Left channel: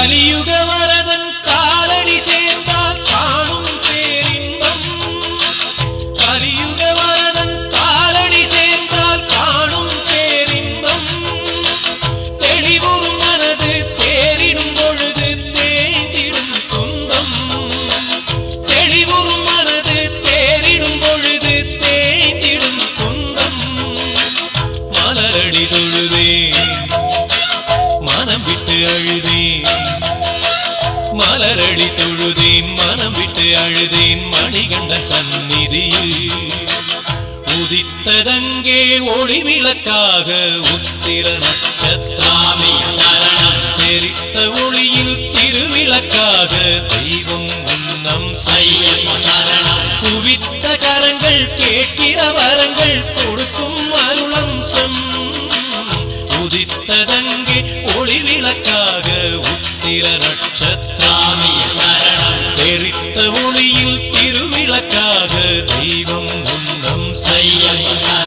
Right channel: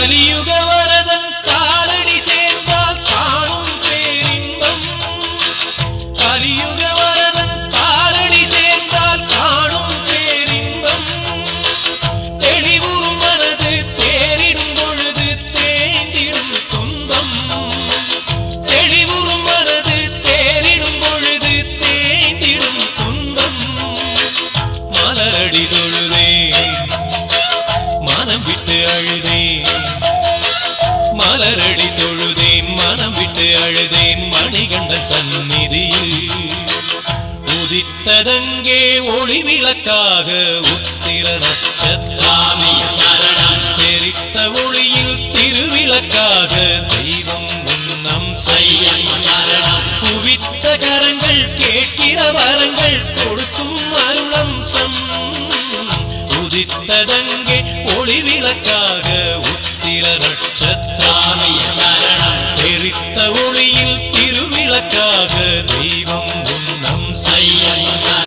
கலியுக வரதன் காலடி சேர்ந்தால் காணும் பேரின்பம். கலியுக வரதன் காலடி சேர்ந்தால் காணும் பேரின்பம். தெளிவுறும் மனது தேறிடும் பொழுது தேய்ந்திடும் துன்பம். தெளிவுறும் மனது தேறிடும் பொழுது தேய்ந்திடும் துன்பம். மலரடி தொழுதேன் மனம் விட்டு அழுதேன். மலரடி தொழுதேன் மனம் விட்டு அழுதேன். மணிகண்டன் சந்நிதியில் உதித்ததங்கே ஒளி விளக்காக உத்திர நட்சத்திராமி சரணம். தெரித்த ஒளியில் திருவிளக்காக தெய்வம் உன்னம் செய்யம் சரணம். குவித்த கரங்கள் கேட்கிற வரங்கள் கொடுக்கும் அருளம்சம். உதித்ததங்கே ஒளி விளக்காக உத்திர நட்சத்திராமி சரணம். தெரித்த ஒளியில் திருவிளக்காக தெய்வம் உன்னம் செய்யம்